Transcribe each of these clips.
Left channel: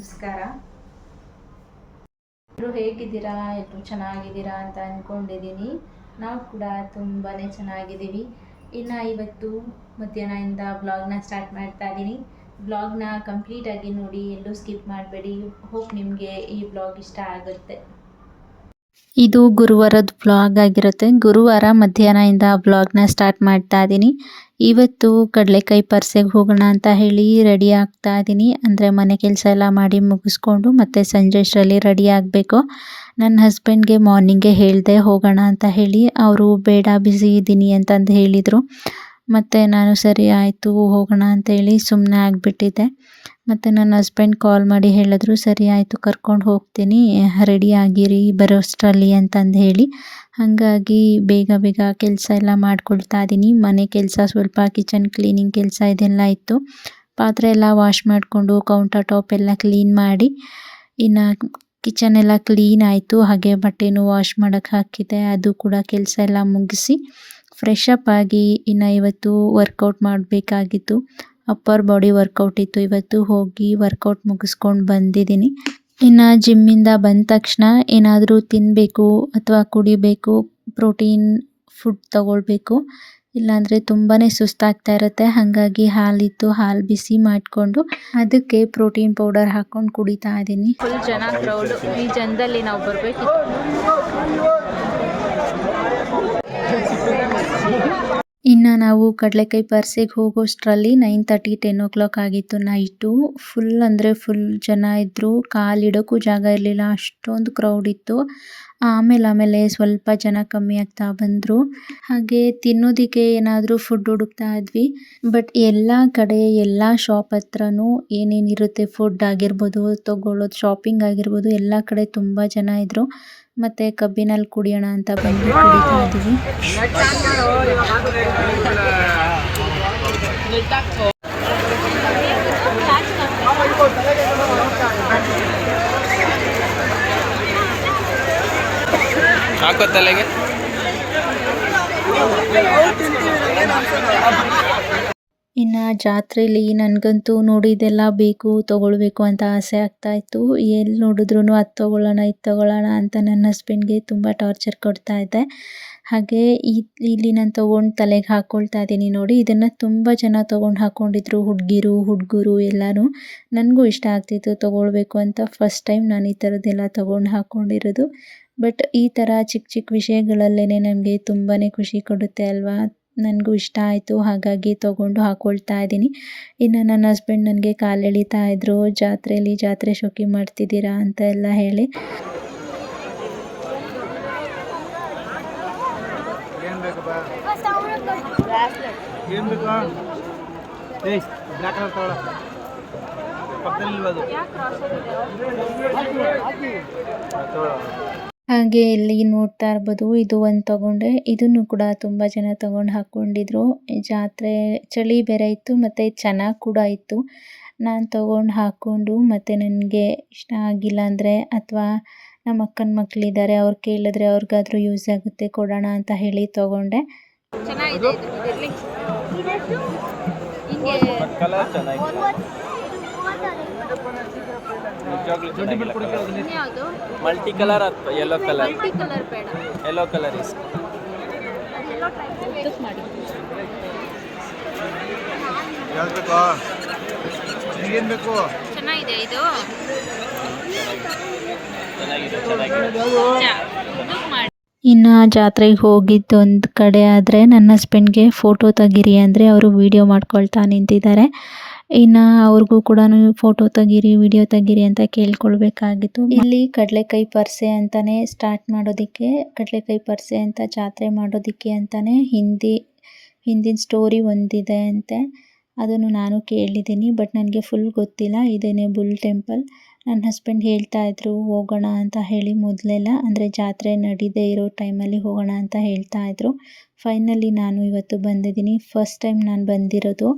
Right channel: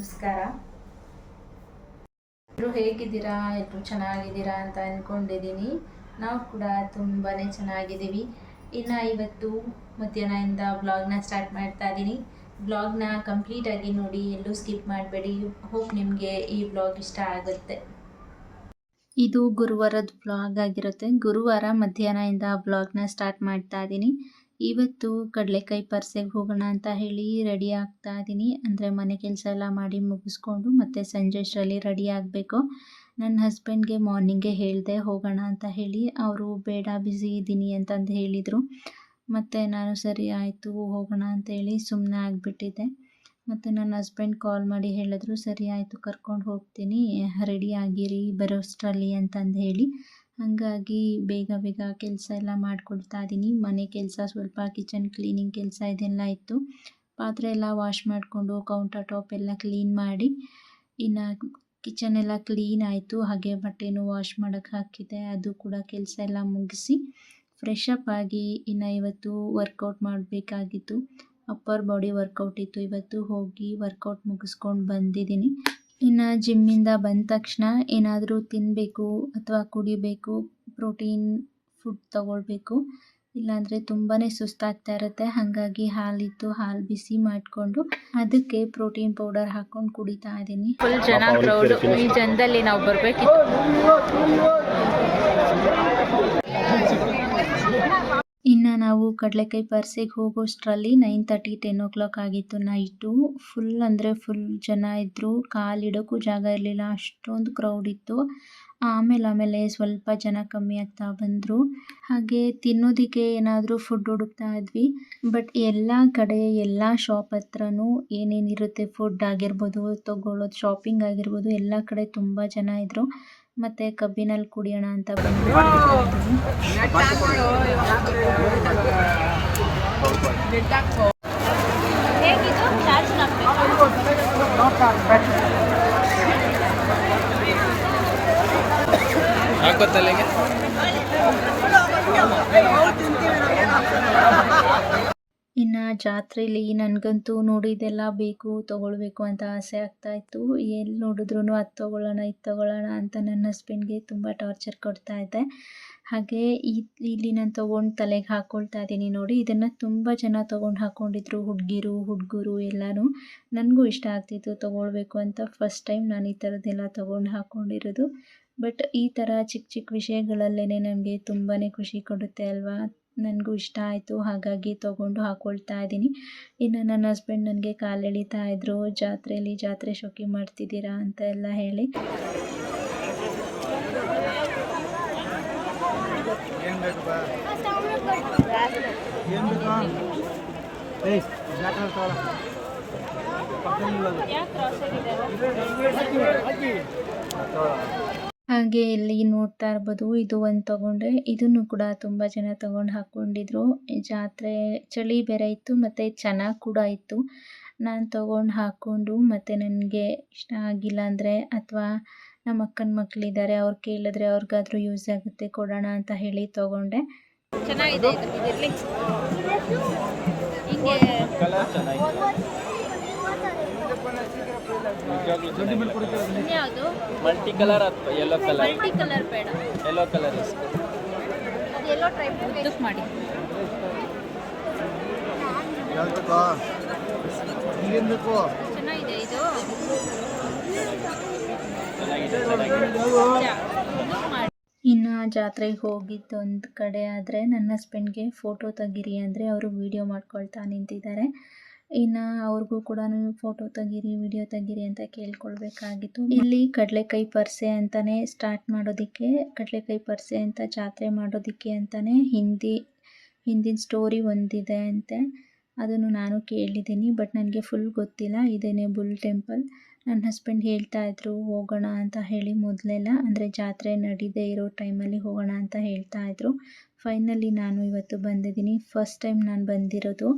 ನಮಸ್ಕಾರ. ಎಲ್ಲರೂ ಹೇಗಿದ್ದೀರಾ? ಎಲ್ಲರೂ ಚೆನ್ನಾಗಿದ್ದೀರಾ ಅಂತ ಅಂದ್ಕೊಂಡಿದ್ದೀನಿ. ನಾವು ಕೂಡ ತುಂಬಾ ಚೆನ್ನಾಗಿದ್ದೀವಿ. ಇನ್ನು ಇವತ್ತು ಮಧ್ಯಾಹ್ನದಿಂದ ವ್ಲಾಗ್ನ ಸ್ಟಾರ್ಟ್ ಮಾಡ್ತಾ ಇದ್ದೀನಿ. ವ್ಲಾಗ್ನ ಕಂಪ್ಲೀಟಾಗಿ ನೋಡಿ, ಎಲ್ಲೂ ಸ್ಕಿಪ್ ಮಾಡಬೇಡಿ. ಹೋಪ್ ನಿಮಗೆ ಈ ವ್ಲಾಗ್ ಇಷ್ಟ ಆಗುತ್ತೆ. ಇದು ಗುರುವಾರದ ವ್ಲಾಗ್ ಆಗಿರುತ್ತೆ. ಗುರುವಾರ ಮಧ್ಯಾಹ್ನದಿಂದ ವ್ಲಾಗ್ನ ಸ್ಟಾರ್ಟ್ ಮಾಡ್ತಾ ಇದ್ದೀನಿ. ಇವತ್ತು ಕಡಲೆಕಾಯಿ ಪರ್ಸೆಗೆ ಹೋಗೋಣ ಅಂತ ಹೇಳಿ ರೆಡಿ ಆಗ್ತಾ ಇದ್ದೀನಿ. ಅಂದರೆ ಮನೆ ಕೆಲಸ ಎಲ್ಲ ಮಾಡಿ ಮುಗಿಸ್ಕೊಂಡು ಮತ್ತೆ ಸಂಜೆ ಅಷ್ಟರಲ್ಲಿ ರೆಡಿ ಆಗಬೇಕು. ನನ್ನ ಹಸ್ಬೆಂಡ್ಗೆ ಮಾರ್ನಿಂಗೇ ಹೇಳಿದೆ ಹೋಗೋಣ ಅಂತ ಹೇಳಿ. ಅವರು ಬೇಡ ಬ್ಯುಸಿ ಇದ್ದೀನಿ ಅಂತಂದು ಹೇಳಿದರು. ಮತ್ತು ನಾನು ಸರಿ ಆಯಿತು ಹೋಗೋಣ ಅಂತೇಳಿ ಸುಮ್ಮನೆ ಆಗಿಬಿಟ್ಟಿದ್ದೆ. ಮತ್ತು ನನ್ನ ಹಸ್ಬೆಂಡ್ ಕಾಲ್ ಮಾಡಿ ಹೇಳಿದ್ರು, ಸರಿ ಆಯಿತು ಕರ್ಕೊಂಡು ಹೋಗ್ತೀನಿ, ರೆಡಿ ಆಗಿರಿ ಬರೋಷ್ಟರಲ್ಲಿ ಅಂತಂದು ಹೇಳಿ. ಹಾಗಾಗಿ ಬೇಗ ಬೇಗ ಕೆಲಸ ಎಲ್ಲ ಮಾಡ್ಕೊಳ್ತಾ ಇದ್ದೀನಿ. ಮನೆ ಕೆಲಸ ಸ್ವಲ್ಪ ಕಿಚನ್ ಕ್ಲೀನಿಂಗ್ ಕೆಲಸ ಇದೆಲ್ಲ ಇತ್ತು. ಪಾತ್ರೆ ಎಲ್ಲ ವಾಶ್ ಮಾಡಿಕೊಂಡು ಕೌಂಟರ್ ಟಾಪ್ ಎಲ್ಲ ಕ್ಲೀನ್ ಮಾಡಿ, ಇನ್ನು ಕಿಚನ್ ಎಲ್ಲ ಕ್ಲೀನ್ ಆಯಿತು. ಹಾಗೆ ಬಟ್ಟೆನೂ ವಾಶ್ ಮಾಡೋಕ್ಕೆ ಹಾಕಿದ್ದೆ, ಅದು ಕೂಡ ಕೆಲಸ ಎಲ್ಲ ಮುಗಿಸಿ ಫ್ರೆಶ್ ಅಪ್ ಆಗಿ ಇನ್ನು ಇವತ್ತು ವರ್ಕೌಟ್ ಮಾಡಬೇಕಾಗಿತ್ತು. ಅಪ್ಪರ್ ಬಾಡಿ ವರ್ಕೌಟ್ ಇತ್ತು. ಇವತ್ತು ಹೋಗಿ ವರ್ಕೌಟ್ ಮುಗಿಸ್ಕೊಂಡು ಬಂದಿದ್ದೀನಿ. ಇನ್ನು ಜಿಮ್ಮಿಂದ ಬಂದ ತಕ್ಷಣ ಏನಾದರೂ ತಿನ್ನಬೇಕು ಅಥವಾ ಕುಡಿಬೇಕು, ಪ್ರೋಟೀನ್ ಫುಡ್ ತಗೊಳ್ಬೇಕು. ಇಲ್ಲಾಂದರೆ ತುಂಬಾ ಸುಸ್ತಾಗ್ತಾ ಇರುತ್ತೆ. ಹಾಗಾಗಿ ಹಾಲಿತ್ತು, ಹಾಲು ಬಿಸಿ ಮಾಡಿಕೊಂಡು ಅದಕ್ಕೆ ಪ್ರೋಟೀನ್ ಪೌಡರ್ ಹಾಕ್ಕೊಂಡು ಕುಡಿತಾ ಇದ್ದೀನಿ. ಫುಲ್ ಜನ ಕ್ರೌಡು. ಈ ಜನದಲ್ಲಿ ನಾವು ಬರಬೇಕಿತ್ತು. ಇನ್ನು ನಾವು ಕಡಲೆಕಾಯಿ ಪರ್ಸೆಗೆ ಹೋಗೋಷ್ಟರಲ್ಲಿ 9:30 10 o'clock ಆಗಿತ್ತು ನೈಟು. ಫುಲ್ ಅಂದರೆ ಫುಲ್ ಜನ ಇದ್ದರು. ಕಾಲಿಡೋಕ್ಕೂ ಜಾಗ ಇರಲಿಲ್ಲ, ಅಷ್ಟೊಂದು ಕ್ರೌಡ್ ಇತ್ತು. ಆಮೇಲೆ ಸ್ವಲ್ಪ ಜನ ಕಮ್ಮಿ ಆಗ್ತಾ ಬಂದರು. ಹಾಗೆ ತಿನ್ನೋದಕ್ಕೆ ಏನಾದರೂ ಫುಡ್ ಹುಡುಕ್ತಾ ಇದ್ವಿ. ಬಟ್ ಎಲ್ಲ ಕಡೆ ಎಲ್ಲ ಶಾಪ್ ಹತ್ರನೂ ಏನೇನಿರುತ್ತೆ ಫುಡ್ ಆಗಿರ್ಬೋದು, ತೊಗೊಳ್ಳೋದು ಶಾಪಿಂಗ್ ಆಗಿರ್ಬೋದು, ಎಲ್ಲ ಕಡೆ ತುಂಬ ಜನ ಇದ್ದರು. ಮತ್ತು ಕಬ್ಬಿನಲ್ಲಿ ಕುಡಿಯೋಣ ಅಂತ ಬಂದು ಕುಡಿತಾ ಇದ್ದೀವಿ. ಇನ್ನು ಜಾತ್ರೆಯಲ್ಲಿ ನನಗಂತೂ ನೋಡಿದೆಲ್ಲ ಬೇಕು ತೊಗೊಳ್ಬೇಕು ಅಂತ ಆಸೆ ಆಗ್ತಾಯಿತ್ತು. ಎಲ್ಲಿ ನೋಡಿದ್ರೂ ಅದು ತೊಗೊಳ್ಳೋಣ ಇದು ತೊಗೊಳ್ಳೋಣ ಅಂತ ನನ್ನ ಹಸ್ಬೆಂಡ್ಗೆ ತುಂಬ ಟಾರ್ಚರ್ ಕೊಡ್ತಾ ಇದ್ದೆ. ಹಾಗೆ ಇಲ್ಲಿ ನಾನು ತೊಗೊಂಡು ತಲೆಗೆ ಹಾಕ್ಕೊಳ್ತಾ ಇದ್ದೀನಿ ನೋಡಿ. ಇದನ್ನು ತುಂಬ ಜನ ತೊಗೊಂಡು ಹಾಕ್ಕೊಂಡಿದ್ರು, ಹುಡುಗರು ಎಲ್ಲರೂ. ನನಗೂ ಇಷ್ಟ ಆಗ್ತಿತ್ತು ತೊಗೊಳ್ಬೇಕು ಅಂತ. ಫಸ್ಟ್ ಟೈಮ್ ನಾನು ಈ ಥರದ್ದೆಲ್ಲ ತೊಗೊಂಡು ಹಾಕ್ಕೊಂಡಿರೋದು. ಬಟ್ ಈ ಥರ ಚಿಕ್ಕ ಚಿಕ್ಕ ವಿಷಯಗಳಲ್ಲೇ ನನಗೆ ತುಂಬಾ ಖುಷಿ ಕೊಡುತ್ತೆ ಅಲ್ವಾ. ನನಗೂ ಇಷ್ಟ ಆಯಿತು, ಹಾಗಾಗಿ ತೊಗೊಂಡು ಹಾಕ್ಕೊಳ್ತಾ ಇದ್ದೀನಿ. ಇನ್ನು ನನ್ನ ಹಸ್ಬೆಂಡ್ ನನಗೆ ಕಾಲು ಎಳಿತಾ ಇದ್ದರು, ಜಾತ್ರೆ ಶೋಕಿ ಮಾಡ್ತಿದ್ದೀರಾ ಅಂತ ಎಲ್ಲ ಹೇಳಿ. ಹಾಗೆ ಇಲ್ಲಿ ನೋಡ್ತಾ ಇರ್ಬೋದು, ಇದು ಒಂದು ತೊಗೊಂಡೆ. ಇದನ್ನು ಕೂಡ ತುಂಬ ಜನ ತೊಗೊಂಡು ಹಾಕ್ಕೊಂಡಿದ್ರು. ಜಾತ್ರೆ ಚಳಿ ಬೇರೆ ಇತ್ತು ಮತ್ತು ಚೆನ್ನಾಗಿ ಕೂಡ ಇತ್ತು. ನಾನು ತೊಗೊಂಡು ಹಾಕ್ಕೊಂಡು ಮತ್ತು ನನಗೆ ಇಷ್ಟ ಆಗಿಲ್ಲ ಅಂದರೆ ಅಥವಾ ನಮ್ಮ ಅಕ್ಕನ ಮಕ್ಕಳಿದ್ದಾರೆ, ಅವ್ರು ಕೇಳಿದ್ರೆ ಅವ್ರಿಗಾದ್ರೂ ಯೂಸ್ ಆಗುತ್ತೆ ಕೊಡೋಣ ಅಂತ ಹೇಳಿ ತೊಗೊಂಡೆ. ಚೆನ್ನಾಗಿದೆ ಹಿಂಗೆ multi colour yellow colour, multi colour ಬೇಡ, ಯೆಲ್ಲೋ ಕಲರ್ ಇಸ್ ಅದು ಯೆಲ್ಲೋ ಟೈಪ್ ಉದ್ದಕ್ಕೆ ಮಾಡಿ. ಚೆನ್ನಾಗಿದೆ ಇದು, ಇನ್ನು ಜಾತ್ರೆಗೆ ಹೋಗಿದ್ದು ಒಂದು ಕಡೆ ಆದರೆ ನನ್ನ ಹಸ್ಬೆಂಡ್ಗೆ ಫೋಟೋ ತೆಗೀರಿ ಅಂದರೆ ಅವರು ವೀಡಿಯೋ ಮಾಡ್ಕೊಳ್ತಾ ನಿಂತಿದ್ದಾರೆ. ಇನ್ನು ಅವ್ರಿಗೂ ಕೂಡ ಫೋಟೋ ತೆಗೀರಿ ವಿಡಿಯೋ ತೆಗೀರಿ ಅಂತ ಕೇಳ್ಕೊಳ್ಬೇಕಾಗಿತ್ತು. ಇಲ್ಲಿ ಕಡಲೆಕಾಯಿ ಪರ್ಸೆ ಅಂತಲೇ ಸ್ಟಾರ್ಟ್ ಮಾಡೋದಕ್ಕೆ, ಕಡಲೆಕಾಯಿ ಪರ್ಸೆ ಅಂತ ಜಾತ್ರೆ ಮಾಡೋದಕ್ಕೆ ಅಂತಲೇ ಹಿಂದಿನ ಸ್ಟೋರಿ ಒಂದಿದೆ ಅಂತೆ. ಅದನ್ನು ನಾನು ಕೇಳಿದ್ದೀನಿ, ಬಟ್ ನನಗೆ ಫುಲ್ ಗೊತ್ತಿಲ್ಲ. ಇದೇನೆ ಬುಲ್ ಟೆಂಪಲ್. ನನ್ನ ಹಸ್ಬೆಂಡ್ ಹೇಳ್ತಾ ಇದ್ರು ಹೋಗೋಣ ಅಂತ ಹೇಳಿ ಮೊದಲೆಲ್ಲ, ಅಂದರೆ ಜಾತ್ರೆ ನಡೀದೇ ಇರೋ ಟೈಮಲ್ಲಿ ಹೋಗೋಣ ಅಂತ ಹೇಳ್ತಾ ಇದ್ರು. ಫೈನಲಿ ನಾನು ಇವತ್ತು ಬಂದಿದ್ದೀನಿ. ಫಸ್ಟ್ ಟೈಮ್ ನಾನು ಬಂದಿರೋದು.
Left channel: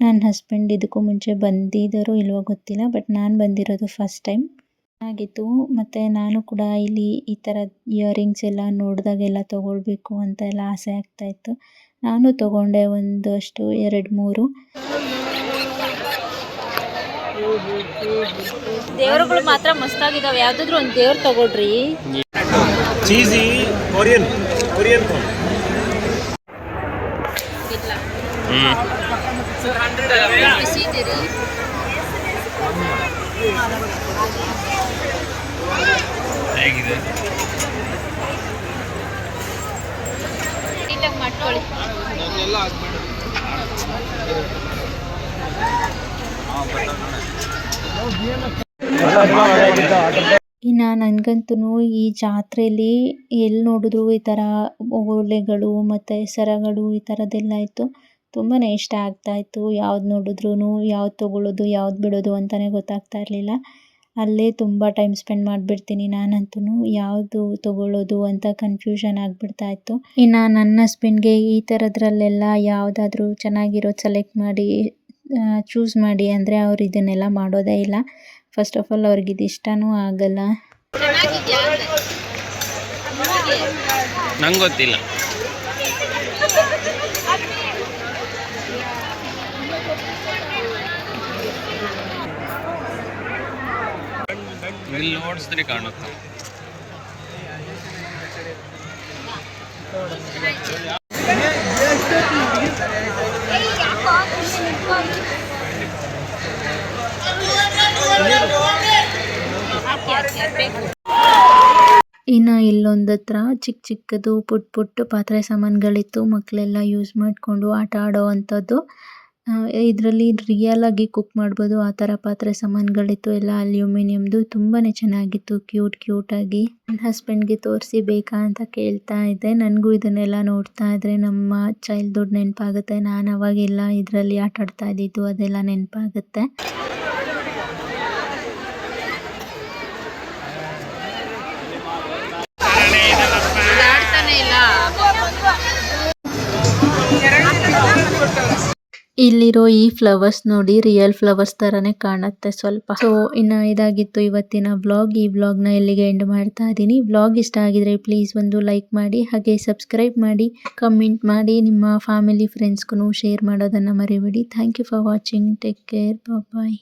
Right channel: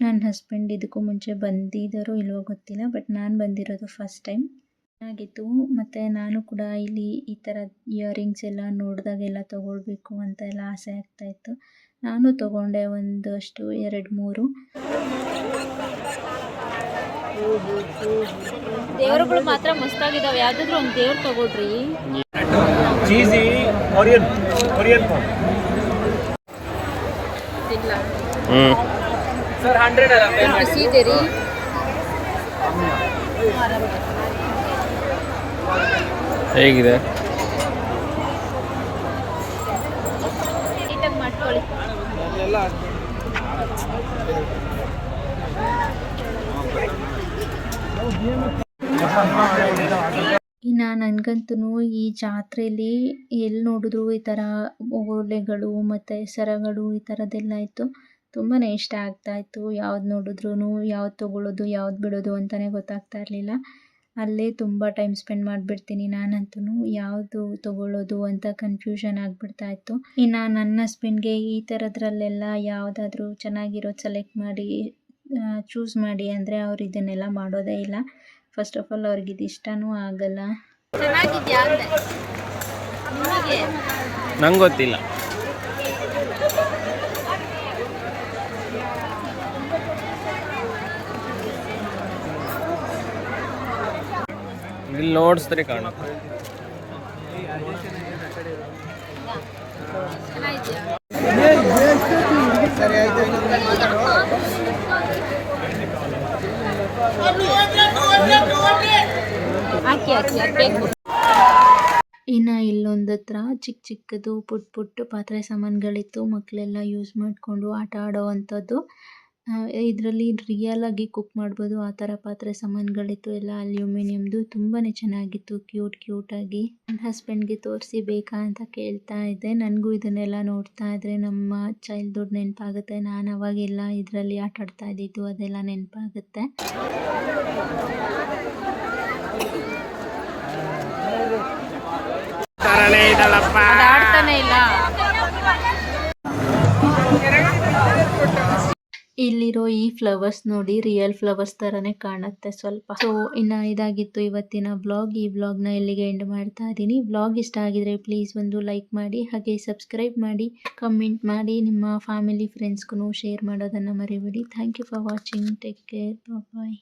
ನನ್ನ ಹಸ್ಬೆಂಡ್ ಇದಕ್ಕೂ ಮುಂಚೆ ಬಂದಿದ್ದಾರೋ ಇಲ್ವೋ ಗೊತ್ತಿಲ್ಲ, ಬಟ್ ನಾನು ಬಂದಿರೋದು ಫಸ್ಟ್ ಟೈಮ್. ಚೆನ್ನಾಗಿತ್ತು. ಮತ್ತು ನಾನು ಕೂಡ ಇಲ್ಲಿ ಈ ಥರ ಇಯರಿಂಗ್ಸ್ ಎಲ್ಲ ನೋಡಿದಾಗೆಲ್ಲ ತೊಗೊಳ್ಬೇಕು ಅಂತ ಎಲ್ಲ ಆಸೆ ಆಗ್ತಾಯಿತ್ತು. ನಾನು ತೊಗೊಂಡೆ ಒಂದಷ್ಟು 2-3. ದೇವರುಗಳು ಮಾತ್ರ ಮಸ್ತಾಗಿದ್ದಾವೆ. ಯಾವುದಾದ್ರೂ ಒಂದು ದೇವ್ರು ತಗೊಳ್ರಿ. ಚೀಸಿ ಕೊರಿಯನ್ ಕೊರಿಯನ್ ಬಿಸಿ ರೀ. ಹೇಗಿದೆ? ನೀಟಾಗಿ ಮಾಡ್ಕೊಳ್ಳಿ. ಇನ್ನು ನನಗಂತೂ ಈ ಜಾತ್ರೆಯಲ್ಲಿ ಎಲ್ಲಿ ನೋಡಿದ್ರು ಈ ಥರ ಓಲೆಗಳು ಮತ್ತು ಸರಗಳು ಈ ಥರದ್ದೆಲ್ಲ ಇತ್ತು. ತುಂಬಾ ಇಷ್ಟ ಆಗ್ತಾಯಿತ್ತು. ಯಾವ್ದು ನೋಡಿದ್ರೂ ಯಾವ್ದು ತೊಗೊಳ್ಳೋದು ಯಾವ್ದು ಬಿಡೋದು ಅಂತಲೇ ಗೊತ್ತಾಗ್ತಾ ಇರಲಿಲ್ಲ. ಅಲ್ಲೇ ತುಂಬ ಟೈಮ್ ಸ್ಪೆಂಡ್ ಮಾಡಿಬಿಡ್ತೀನಿ ನಾನಂತೂ. ಯಾವುದು ತೊಗೊಳ್ಳೋದು ಅಂತ ಕನ್ಫ್ಯೂಷನ್ ಆಗಿಬಿಡ್ತಾಯಿತ್ತು. ಇನ್ನು ನನ್ನ ಹಸ್ಬೆಂಡ್ಗೆ ಈ ಥರದ್ರಲ್ಲೆಲ್ಲ ಯಾವುದಾದ್ರೂ ಚೆನ್ನಾಗಿರೋದು ಸೆಲೆಕ್ಟ್ ಮಾಡಿ ಚೂಸ್ ಮಾಡಿ ಅಂದರೆ ಅವ್ರು ಇದನ್ನೆಲ್ಲ ಮಾಡೋದೇ ಇಲ್ಲ. ಫಸ್ಟ್ ಆಫ್ ಆಲ್ ಅವ್ರಿಗೆ ಇದು ಇಷ್ಟನೂ ಆಗಲ್ಲ. ನಂಗೆ ಗೊತ್ತಿಲ್ಲ. ಇಲ್ಲಿ ನೋಡಿಸಿದ್ರೆ ಕಾಣುತ್ತೆ. ಇನ್ನು ಇಲ್ಲೊಂದತ್ರ ಚಿಕ್ಕ ಚಿಕ್ಕದು ಪುಟ್ಟ ಪಾತ್ರೆ ಸಾಮಾನುಗಳಿತ್ತು. ಮಕ್ಕಳೆಲ್ಲ ಯೂಸ್ ಮಾಡಿಕೊಂಡು ಆಟ ಆಡೋ ಅಂಥದ್ದು. ಇದರಲ್ಲಿ ರಿಯಲ್ ಆಗಿ ಕುಕ್ ಮಾಡ್ಬೋದು ಆ ಥರ ಪಾತ್ರೆ ಸಾಮಾನುಗಳಿತ್ತು. ಎಲ್ಲ ಅಲ್ಯೂಮಿನಿಯಮ್ದು. ತುಂಬಾ ಚೆನ್ನಾಗಿತ್ತು, ಕ್ಯೂಟಾಗಿ. ನನ್ನ ಹಸ್ಬೆಂಡ್ಗೆ ತೋರಿಸಿ ಬೇಕಾ ಅಂತ ಕೇಳ್ತಾ ಇದ್ದೆ. ನನಗೂ ಇದನ್ನೆಲ್ಲ ನೋಡ್ತಾ ಇದ್ರೆ ನಮ್ಮ ಚೈಲ್ಡ್ಹುಡ್ ನೆನಪಾಗುತ್ತೆ. ನಾನು ಅವಾಗೆಲ್ಲ ಇದರಲ್ಲಿ ಆಟ ಆಡ್ತಾ ಇದ್ದಿದ್ದು ಅದೆಲ್ಲ ನೆನಪಾಗುತ್ತೆ. ಅದಾಡ್ತಾನೆ ಇಲ್ಲ. ಇಲ್ಲಿರೋ ಈ ಫ್ಲವರ್ಸ್ ನೋಡಿ ರಿಯಲ್ ಫ್ಲವರ್ಸ್ ಥರನೇ ಕಾಣುತ್ತೆ ಸ್ವಲ್ಪ. ಸೊ ಇನ್ನು ಇದಾಗಿತ್ತು ಇವತ್ತಿನ ವ್ಲಾಗ್. ಈ ವ್ಲಾಗ್ನ ಇಲ್ಲಿಗೆ ಎಂಡ್ ಮಾಡ್ತಾ ಇದ್ದೀನಿ. ವ್ಲಾಗ್ ಇಷ್ಟ ಆಗಿದ್ರೆ ಪ್ಲೀಸ್ ಒಂದು ಲೈಕ್ ಮಾಡಿ, ಹಾಗೆ ಸಬ್ಸ್ಕ್ರೈಬ್ ಮಾಡಿ, ಕಮೆಂಟ್ ಮಾಡಿ, ನಿಮ್ಮ ಫ್ಯಾಮಿಲಿ ಫ್ರೆಂಡ್ಸ್ಗೂ ಶೇರ್ ಮಾಡೋದನ್ನು ಮರಿಬೇಡಿ. Thank you for watching. Take care. Bye.